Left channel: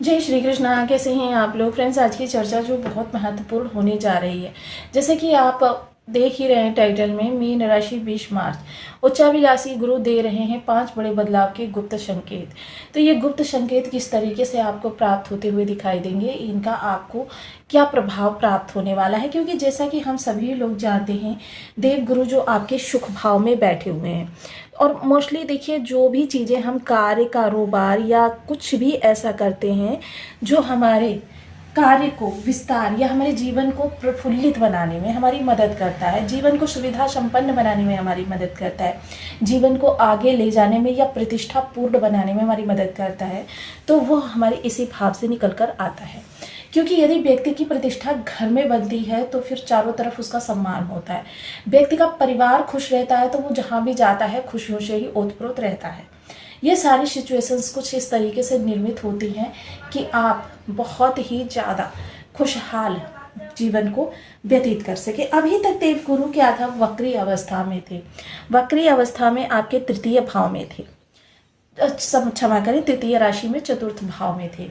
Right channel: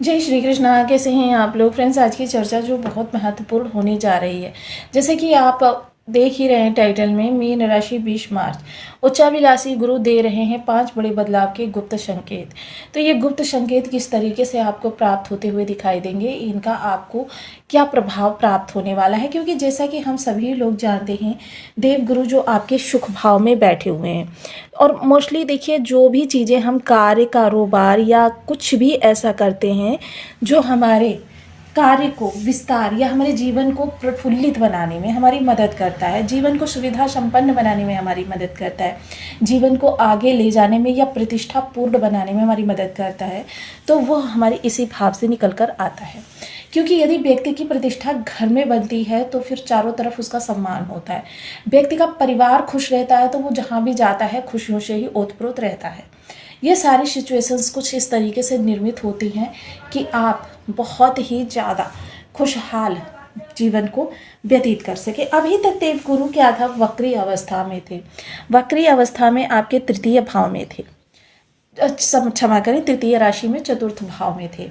जय श्री कृष्णा। कैसे हैं आप लोग फ्रेंड्स? आज की चर्चा जो बहुत महत्वपूर्ण होने जा रही है, जैसे कि आप देख ही रहे हैं टाइटल में, मीन राशि 20 मार्च, उच्चाभिलाषी गुरु दे रहे हैं 5 बड़े बदलाव के गुप्त संकेत। तो ये गुप्त संकेत किस तरीके से आपको प्राप्त होते हुए दिखाई देंगे, इनका आपको क्या प्रभाव प्राप्त होने वाला है, क्योंकि जैसा कि हम सभी लोग जानते हैं देव गुरु जो आपके सुख भाव में बैठे हुए हैं। और मोस्टली देखिए, जो भी चीज़ें हम कार्य कारोबार या कुछ भी ऐसा करते हैं जो हमारे कार्य को विस्तार या हमारे जीवन को प्रफुल्लित बनाने में हमारी मदद करता है, जीवन को सुविधा संपन्न बनाने में हमारी मदद करता है, जीवन को आगे ले जाने में या प्रतिष्ठा पूर्ण बनाने में हमारी मदद करता है, तो वो हमारे इसी भाव से निकल कर आता है। क्योंकि यदि व्यक्ति की प्रतिष्ठा घर में बनती है तो फिर चारों तरफ उसका सम्मान होता है, व्यक्ति का परिवार खुश रहता है तो वो जहाँ भी जाता है खुशियों से ही ओतप्रोत रहता है। ये सारी सिचुएशंस कुछ इस तरीके से निर्मित होती हैं कि आप बहुत ही ज़्यादा खुशहाल जीवन को व्यतीत कर सके। अभी तक देवगुरु क्या था, वक्री अवस्था में थे, वक्री अवस्था में आपके तृतीय भाव में थे, क्षमा करें, तृतीय राशि में चतुर्थ भाव में थे।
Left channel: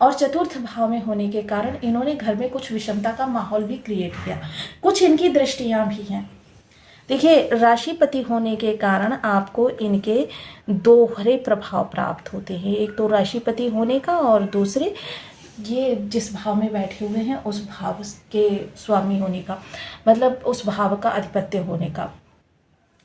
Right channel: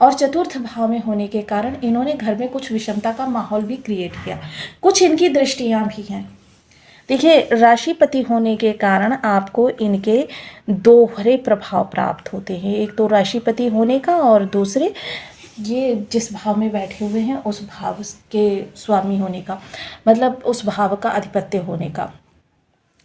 और चतुर्थ भाव में होने के कारण इन्होंने घर में कुछ विषमता का माहौल भी क्रिएट किया। कुछ इनकी दृष्टियां भी हैं। देखिए, राशिपति होने के कारण आपको इनके दोहरे प्रभाव प्राप्त होते हैं, एक तो राशिपति होने का और दूसरे ये जिस भाव में बैठे हुए हैं उस भाव के स्वामी होने का, मतलब उस भाव का अधिपत्य होने का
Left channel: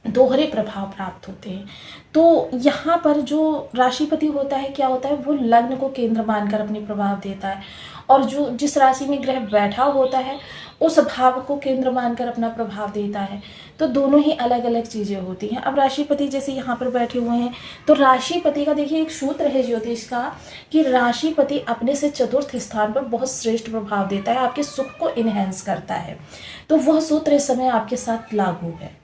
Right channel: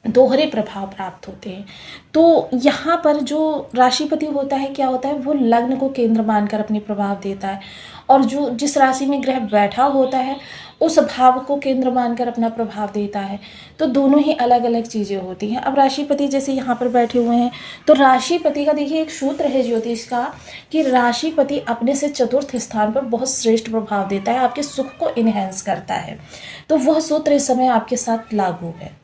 दोहरे प्रभाव प्राप्त होते हैं। तो यहाँ पर जो राशिपति होता है, क्या होता है, वो लग्न को केंद्र मानकर अपने प्रभाव देता है, और जो जिस राशि में ग्रह बैठा होता है उस भाव को केंद्र मानकर अपना प्रभाव देता है। तो दोनों ही अलग अलग चीज़ें होती हैं। अब राशिपति जैसे यहाँ पर बैठे हुए हैं, तो राशिपति का देखिए एक सूत्र है ज्योतिष का कि राशिपति अपने से चतुर्थ स्थान पर बहुत श्रेष्ठ प्रभाव देता है, आपके सुख को इनहेंस करता है। तो वह सूत्र इस समय आपके साथ लागू है,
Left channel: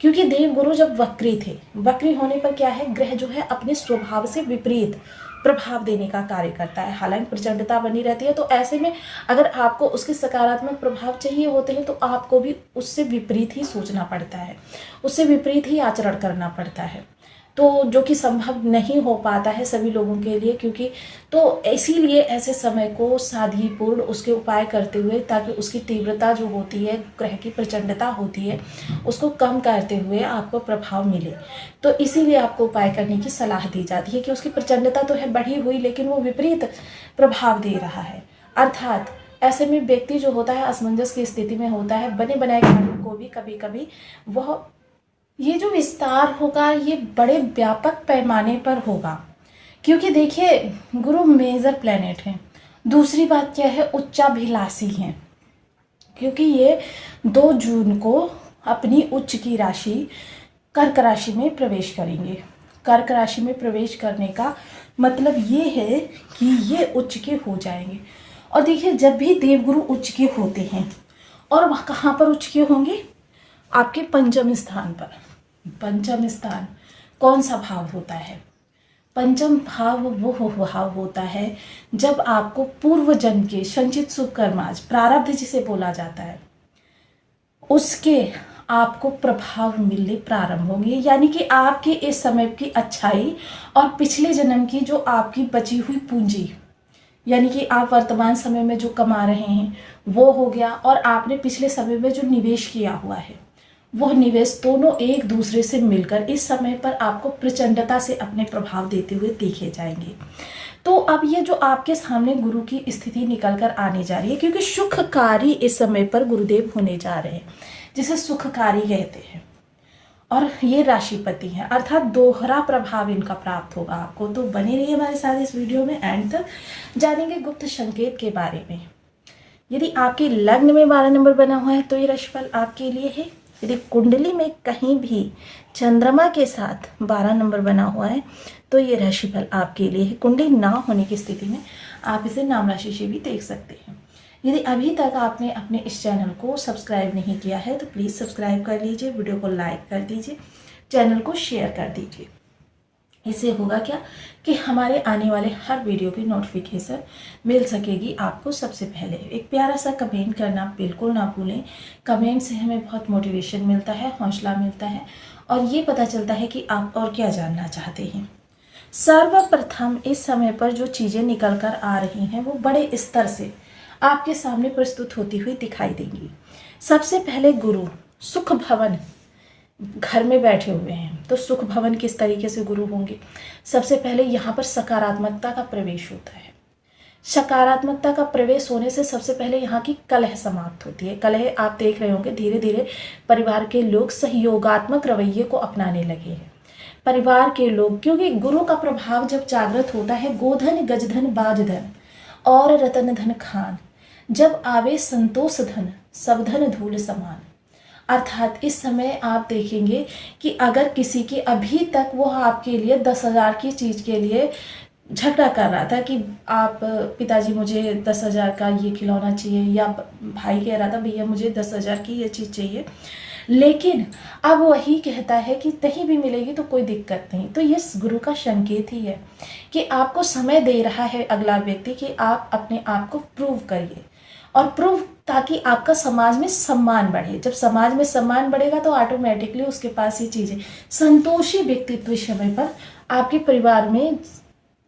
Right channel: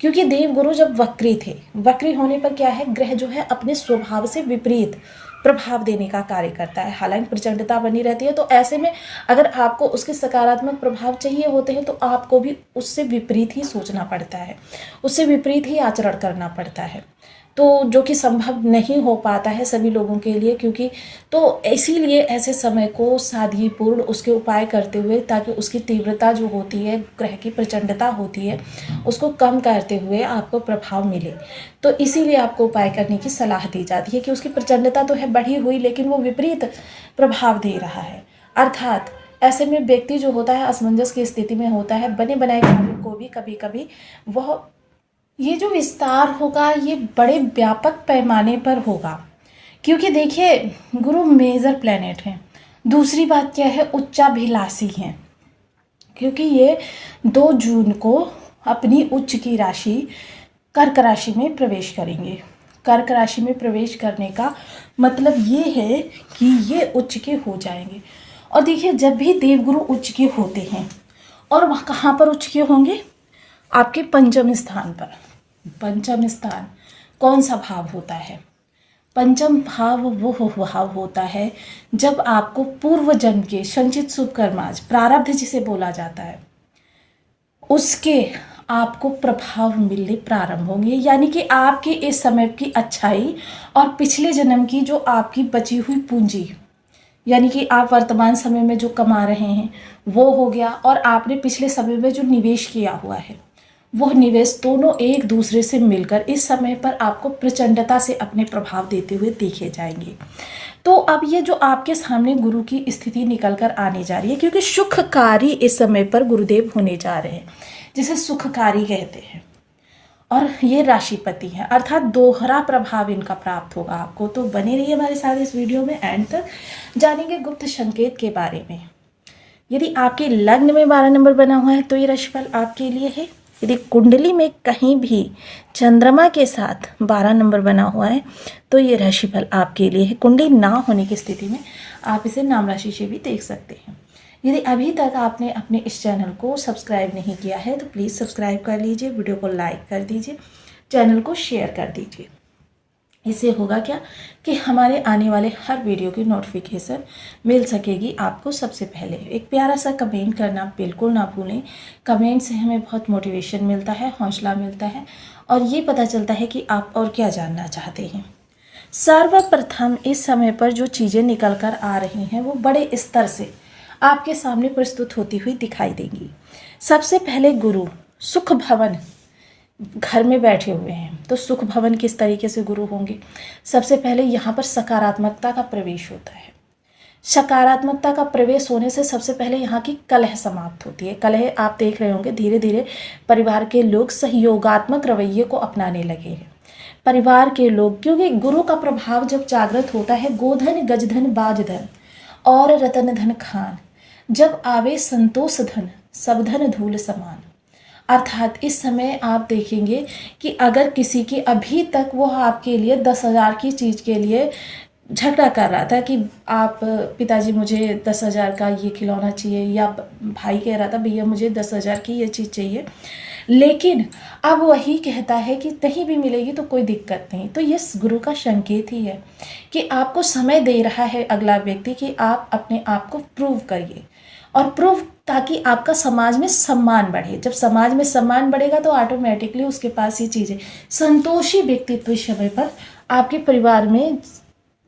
क्योंकि देवगुरु जब वक्री थे, वक्री होने पर क्या है, ग्रह जो है अपने स्वभाव से विपरीत प्रभाव देने का कार्य करता है। हालांकि प्रचंडता बनी रहती है, तो ऐसे में अगर आपको उसके सकारात्मक प्रभाव चाहिए होते हैं तो आपको भी उससे विपरीत ही सोचना पड़ता है, उससे विपरीत ही आचरण करना पड़ता है, तो जो कि संभव नहीं हो पाता है सभी लोगों के लिए। क्योंकि तो इसीलिए ऐसे समय को सादगीपूर्ण उसके उपाय करते हुए, ताकि उसकी तीव्रता जो होती है, ग्रह की प्रचंडता होती है, उसको कम करते हुए आपको प्रभाव मिले, तो इसीलिए आपको उपाय करने की सलाह दी जाती है कि उसकी प्रचंडता तो है बढ़ी हुई, लेकिन वो विपरीत प्रभाव दे रहा है। अर्थात ऐसे में व्यक्ति जो होता है असमंजस की स्थिति में होता है, बने बनाए कार्यों को भी कभी कभी वह, ये जो विस्तार होगा ये बड़े व्यापक पैमाने पर होगा, क्योंकि देखिए गुरु मेजर प्लेनेट हैं। दूसरी बात क्या है, उच्चाभिलाषी हैं, क्योंकि ये 2 जून को अपनी उच्च की राशि कर्क राशि में प्रवेश करेंगे। कर्क राशि में प्रवेश करने का मतलब ये है कि ये उच्च के हो जाएंगे। और देखिए, जब भी देवगुरु उच्च के होते हैं, और वह कहाँ पर उच्च के होंगे, आपके पंचम स्थान पर। पंचम स्थान कौन सा भाव होता है? पंचम भाव वो भाव होता है जब आपको पूर्व जन्म के संचित शुभ कर्माज, प्रारब्ध जिसे बोला जाता है, उसके आपको प्रभाव मिलने प्रारंभ होंगे। यानी कि आपके इस समय की अच्छाई और पिछले जन्म की जो आपकी बची हुई पूंजी, यानी कि आप वर्तमान समय में जो कमा रहे हैं वो हो गया, और आपने पिछले समय में जो निवेश किया हुआ है वह निवेश, दोनों एक दूसरे से मिलकर इस समय पर आपको प्रचंडता से अपने प्रभाव देते हुए देखे जाएंगे। तो अब ये जो आपके सामने गुरु की स्थिति निकल कर आने जा रही है, क्योंकि सुखकारी इस समय पर गुरुदेव होने जा रहे हैं, जिसे सुखकारी कहते हैं, और ये राशिपति हैं, अर्थात दोहरा प्रभाव इनका प्राप्त होगा आपको। तो बने रहिए हमारे साथ इस वीडियो में, एंड तक जानेंगे गुप्त संकेत के बारे में। यदि आपके लग्न में 12 नंबर बना हुआ है तो ये राशिफल आपके लिए है। यदि कुंडली में कहीं भी चंद्रमा के साथ 12 नंबर बना हुआ है तो ये राशिफल आपके लिए है। कुंडली ना होने की स्थिति में आप इसे नाम राशि से भी देख सकते हैं। यदि अभी तक आपने अपने इस चैनल को सब्सक्राइब नहीं किया है तो प्लीज़ सब्सक्राइब कर लीजिए, वीडियो को लाइक कर दीजिए, चैनल को शेयर कर दीजिए। इससे होगा क्या कि हमारे आने वाले हर वीडियो की नोटिफिकेशन मिल सकेगी आपको सबसे पहले। एक प्यारा सा कमेंट करना बिल्कुल ना भूलें। कमेंट से हमें बहुत मोटिवेशन मिलता है, हौसला मिलता है, और ये पता चलता है कि आप और क्या जानना चाहते हैं। सर्वप्रथम इस समय पर जो चीज़ें निकल कर आ रही हैं वो बड़े स्तर से आपके सामने प्रस्तुत होती हुई दिखाई देंगी। सबसे पहले गुरु सुख भवन घर में बैठे हुए हैं, तो सुख भवन किस तरीके से गुरु होंगे? सबसे पहले यहाँ पर सकारात्मकता का प्रवेश होता है। सकारात्मकता का प्रवेश होने से सबसे पहले यहाँ की कलह समाप्त होती है। कलह आप देख रहे होंगे, धीरे धीरे परिवार के लोग सहयोगात्मक रवैये को अपनाने लगे हैं। परिवार के लोग, क्योंकि गुरु का प्रभाव जब जागृत होता है, गोधन गजधन बाजधन और रतन धन खान, जब आवे संतोष धन सब धन धूल समान। अर्थात इस समय आप देखेंगे कि अगर किसी की अभी तक वो आपके लिए 10,000 की चीज़ के लिए झगड़ा कर रहा था कि आप पिताजी मुझे 10,000 का ये खिलौना चाहिए, या भाई कह रहा था भैया मुझे 10,000 की ये चीज़ चाहिए, लेकिन अब वही कहता है कि नहीं भी मिलेगी तो कोई दिक्कत नहीं, तो ये गुरु का संकेत ही है कि आपको समय दे रहा है अगला व्यक्ति कि आप अपने आप को प्रूव करिए और प्रूव, ताकि आपका समाज में सम्मान बढ़े। जब समाज में सम्मान बढ़ेगा तो ऑटोमेटिकली उसके पास ये चीज़ें, संतोषी व्यक्तित्व इस समय पर आपके परिवार में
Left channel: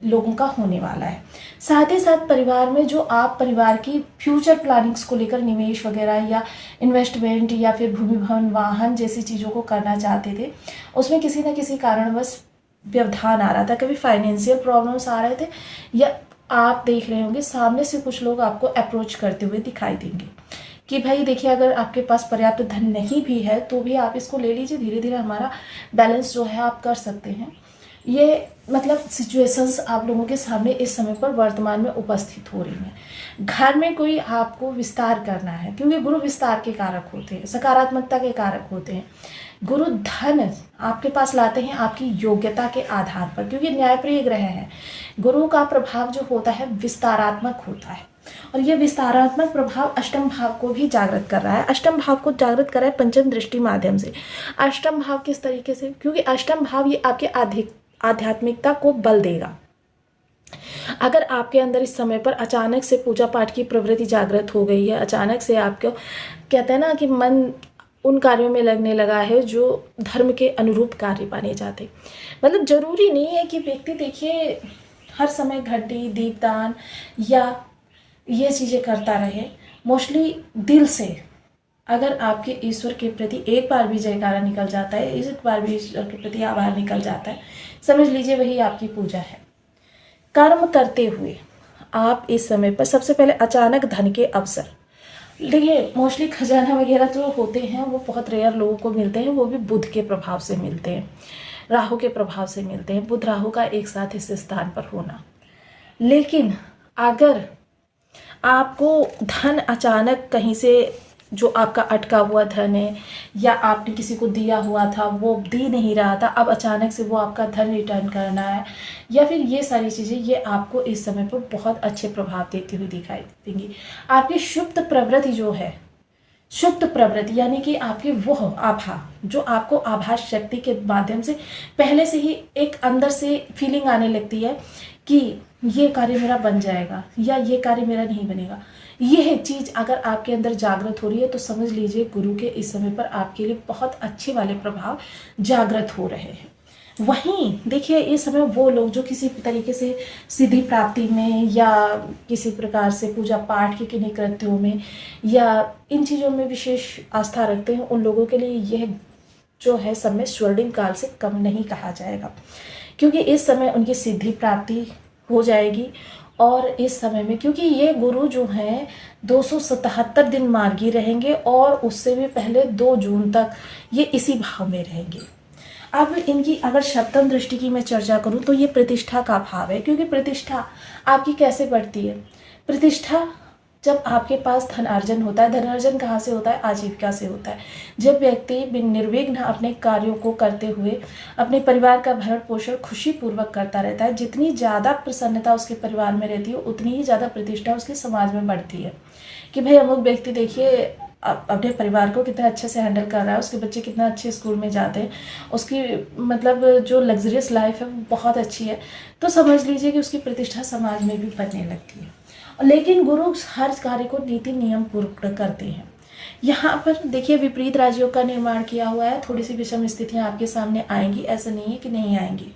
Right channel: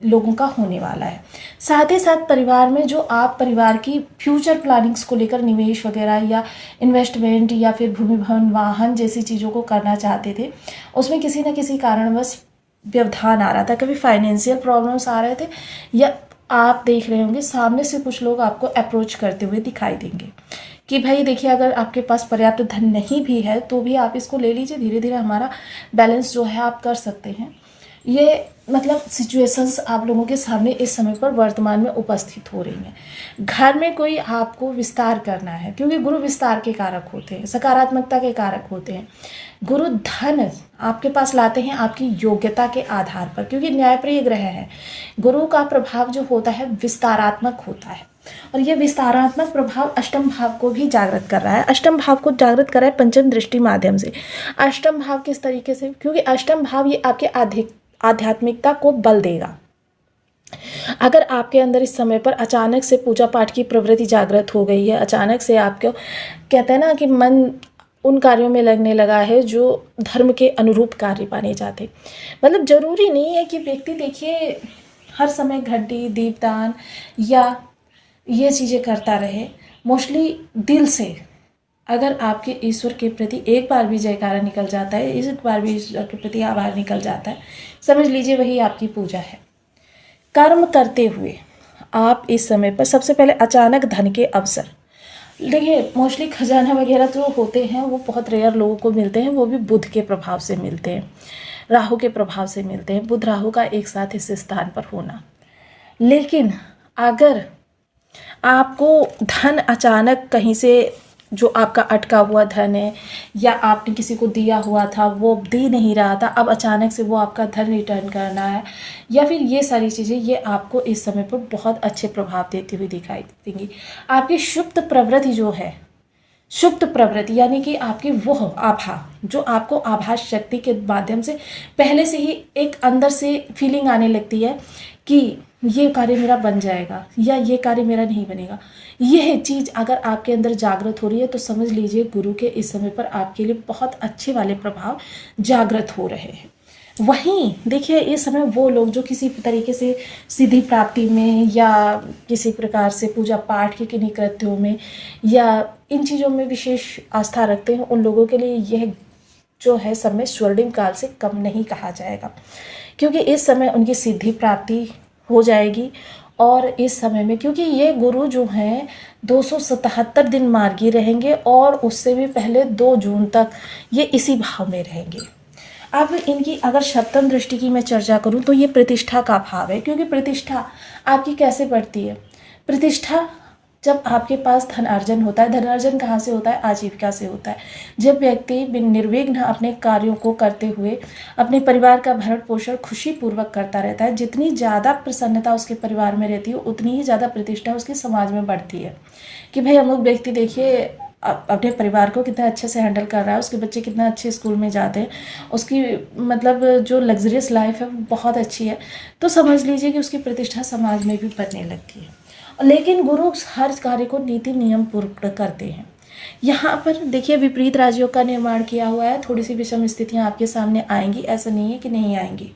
लोगों का होने वाला है। साथ ही साथ परिवार में जो आप परिवार की फ्यूचर प्लानिंग्स को लेकर निवेश वगैरह या इन्वेस्टमेंट या फिर भूमि भवन वाहन जैसी चीज़ों को करना चाहते थे, उसमें किसी न किसी कारणवश व्यवधान आ रहा था, कभी फाइनेंशियल प्रॉब्लम्स आ रहे थे, या आप देख रहे होंगे सामने से कुछ लोग आपको अप्रोच करते हुए दिखाई देंगे कि भाई देखिए अगर आपके पास पर्याप्त धन नहीं भी है तो भी आप इसको ले लीजिए, धीरे धीरे हमारा बैलेंस जो है आप कर सकते हैं। ये मतलब सिचुएशंस आप लोगों के सामने इस समय पर वर्तमान में उपस्थित हो रही हैं। घर में कोई आपको विस्तार करना है, क्योंकि गुरु विस्तार के कारक होते हैं, सकारात्मकता के कारक होते हैं। गुरु धन आपके पास लाते हैं आपकी योग्यता के आधार पर, क्योंकि न्यायप्रिय ग्रह है। गुरु का प्रभाव जो होता है विस्तारात्मक होता है, और यह विस्तारात्मक प्रभाव अष्टम भाव को भी जागृत कर रहा है। अष्टम भाव को जागृत कर रहा है पंचम दृष्टि माध्यम से। अष्टम भाव किस तरीके से? क्योंकि अष्टम भाव ये आपके आध्यात्मिकता को बल देगा। अगर आपके अंदर इस समय पर अचानक से पूजा पाठ की प्रवृत्ति जागृत हो गई है, अचानक से आपको कहते हैं ना कि मन उन कार्यों में लगने लगा है जो धर्म के अनुरूप कार्य माने जाते, मतलब जरूरी नहीं है कि व्यक्ति देखिए हर समय घंटी दीपदान या ये चीज़ें करता रहे। मोस्टली दिल से अगर आपके ईश्वर के प्रति एक बार भी जयकारा निकल जाता है, एक बार भी ईश्वर के प्रति आभार निकल जाता है, समझ लीजिए वही आपकी पूजा है। कर्म करते हुए आप इस समय पर सबसे पहले अचानक धन के अवसर, देखिए मोस्टली खजाना वगैरह जो होते हैं वो बहुत रेयर लोगों को मिलते हैं, वो भी बुध के प्रभाव से मिलते हैं, राहु के प्रभाव से मिलते हैं, बुध राहु का एक साथ इस स्थान पर होना। लेकिन अगर आपको धन अचानक कहीं से, जो आपका अटका हुआ धन है या आपने किसी को दिया हुआ था वो दे नहीं रहा था, अब अचानक से वो आपका धन रिटर्न करना है, या फिर ये सारी चीज़ें, ये आपको इस समय पर बहुत अच्छे प्रभाव देती हुई दिखाई देंगी। आपकी सुप्त प्रवृत्ति जो है, सुप्त प्रवृत्ति यानी कि आपकी वो आभा, जो आपको आभास शक्ति के माध्यम से पहले से ही एक अंदर से फीलिंग आने लगती है कि ये कार्य मेरा बन जाएगा या ये कार्य मेरा नहीं बनेगा, यह चीज़ अगर आपके अंदर जागृत हो रही है तो समझ लीजिए गुरु के इस समय पर आपके लिए बहुत अच्छे वाले प्रभाव जागृत हो रहे हैं। वहीं देखिए इस समय वो लोग जो किसी तरीके से सिद्धि प्राप्ति में या किसी प्रकार से पूजा पाठ के किन्हीं कृत्यों में या इन चीज़ों में विशेष आस्था रखते हैं, उन लोगों के लिए यह जो है समय स्वर्णिम काल से कम नहीं कहा जाएगा, क्योंकि इस समय उनकी सिद्धि प्राप्ति हो जाएगी। और इस समय में क्योंकि ये गुरु जो हैं 277 दिन मार्गी रहेंगे और उससे भी पहले 2 जून तक ये इसी भाव में रहेंगे। अब इनकी अगर सप्तम दृष्टि की मैं चर्चा करूं तो ये प्रतिष्ठा का भाव है, क्योंकि प्रतिष्ठा आपकी कैसे बढ़ती है? प्रतिष्ठा जब आपके पास धन अर्जन होता है, धन अर्जन कहाँ से होता है? आजीविका से होता है। जब व्यक्ति निर्विघ्न अपने कार्यों को करते हुए अपने परिवार का भरण पोषण खुशी पूर्वक करता रहता है, जितनी ज़्यादा प्रसन्नता उसके परिवार में रहती है उतनी ही ज़्यादा प्रतिष्ठा उसके समाज में बढ़ती है कि भाई अमुक व्यक्ति देखिए अपने परिवार को कितना अच्छे से हैंडल कर रहा है, उसके बच्चे कितना अच्छे स्कूल में जाते हैं, उसकी मतलब जो लग्जरियस लाइफ है वो बहुत अच्छी है, तो समझ लीजिए कि उसकी प्रतिष्ठा समाज में भी बढ़ने लगती है। लेकिन गुरु हर कार्य को नीति नियम पूर्ण करते हैं। यहाँ पर देखिए विपरीत राजियों का निर्माण किया हुआ है, थोड़ी सी विषम स्थितियाँ आपके सामने आएंगी, ऐसा नहीं है कि नहीं आएंगी।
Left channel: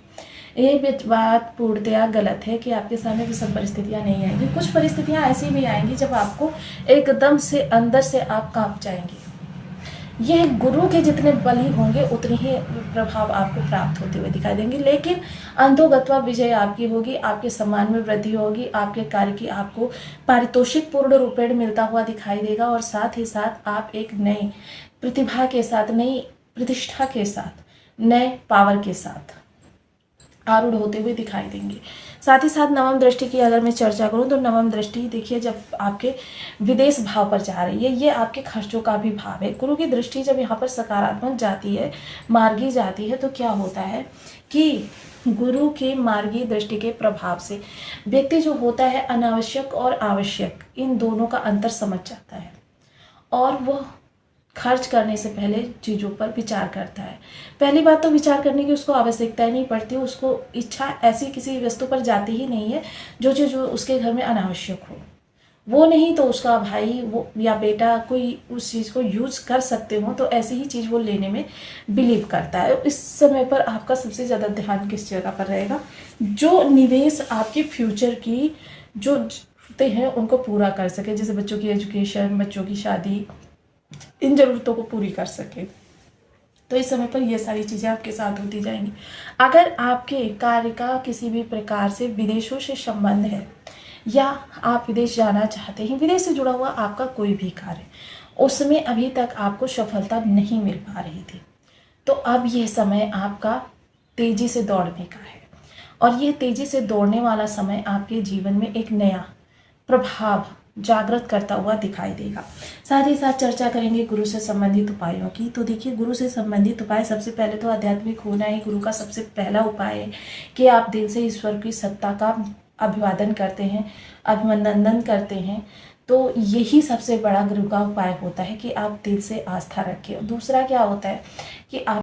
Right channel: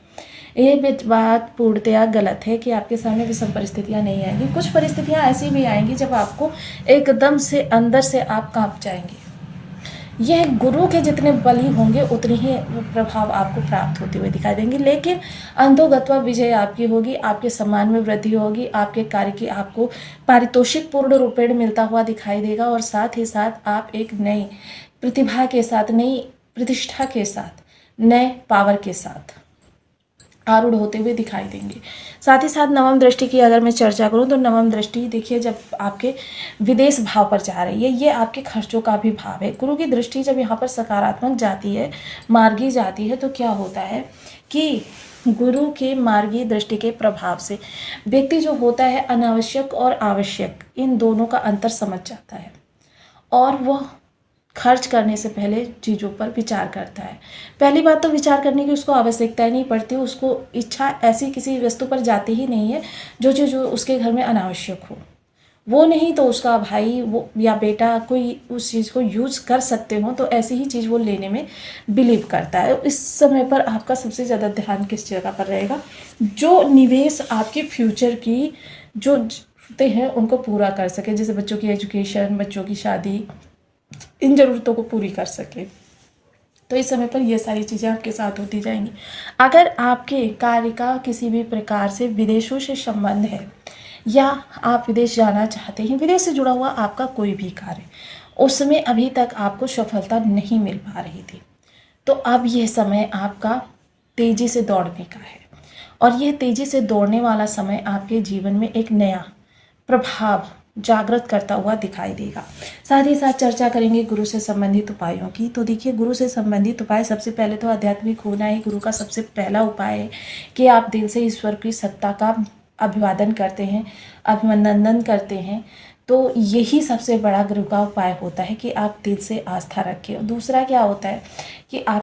ये बात पूर्णतया गलत है कि आपके सामने वो सब परिस्थितियाँ नहीं आएंगी। कुछ परिस्थितियाँ ऐसी भी आएंगी जब आपको एकदम से अंदर से आप कांप जाएंगे। यह गुरु के जितने बली होंगे उतने ही प्रभाव आपको प्राप्त होते हुए दिखाई देंगे, लेकिन अंधोगत्वा विजय आपकी होगी, आपके सम्मान में वृद्धि होगी, आपके कार्य की आपको पारितोषिक पूर्ण रूपेण मिलता हुआ दिखाई देगा और साथ ही साथ आप एक नई प्रतिभा के साथ, नई प्रतिष्ठा के साथ, नए पावर के साथ आरूढ़ होते हुए दिखाई देंगे। साथ ही साथ नवम दृष्टि की अगर मैं चर्चा करूं तो नवम दृष्टि देखिए जब आपके विदेश भाव पर जा रही है, ये आपके खर्चों का भी भाव है। गुरु की दृष्टि जब यहाँ पर सकारात्मक जाती है, मार्गी जाती है, तो क्या होता है कि गुरु के मार्गी दृष्टि के प्रभाव से व्यक्ति जो होता है अनावश्यक और आवश्यक इन दोनों का अंतर समझ जाता है और वह खर्च करने से पहले चीज़ों पर विचार करता है। पहली बात तो विचार करने की उसको आवश्यकता ही नहीं पड़ती, उसको इच्छा ऐसी किसी वस्तु पर जाती ही नहीं है जो चीज़ उसके घर में अनावश्यक हो। वो नहीं तो उसका भाई वो या बेटा कोई उस चीज़ को यूज़ कर सकते हो तो ऐसी ही चीज़ वो लेने में बिलीव करता है। इस समय पर आपका सबसे ज़्यादा ध्यान किस जगह पर रहेगा? जो निवेश आपके फ्यूचर की जो जरूरतें हैं उनको पूरा कर सके, जैसे बच्चों की एजुकेशन, बच्चों की शादी, इन ज़रूरतों को पूरी कर सके। तो इस समय पर ये सारी चीज़ें आपके साथ होती जाएंगी। अगर आपके कार्य का किसी भी प्रकार से विदेशों से संबंध है या आप विदेश जाना चाहते हैं, विदेश से जुड़ा हुआ आपका कोई भी कार्य, उसमें अभी तक आपको सफलता नहीं मिल पा रही थी, तो अब यह समय आपका तेज़ी से दौड़ने का है और यह तेज़ी से दौड़ने वाला समय आपके जीवन में एक नया प्रभाव जागृत करता हुआ दिखाई देगा। साथ ही साथ चर्चा करेंगे गुरु से संबंधित उपायों की। तो देखिए, गुरु से संबंधित उपाय सबसे पहले तो आध्यात्मिक होना ही गुरु का सबसे पहला उपाय है कि आप दिल से ईश्वर की सत्ता का अभिवादन करते हैं, अभिनंदन करते हैं। तो यही सबसे बड़ा गुरु का उपाय होता है कि आप दिल से आस्था रखें। दूसरा क्या होता है कि आप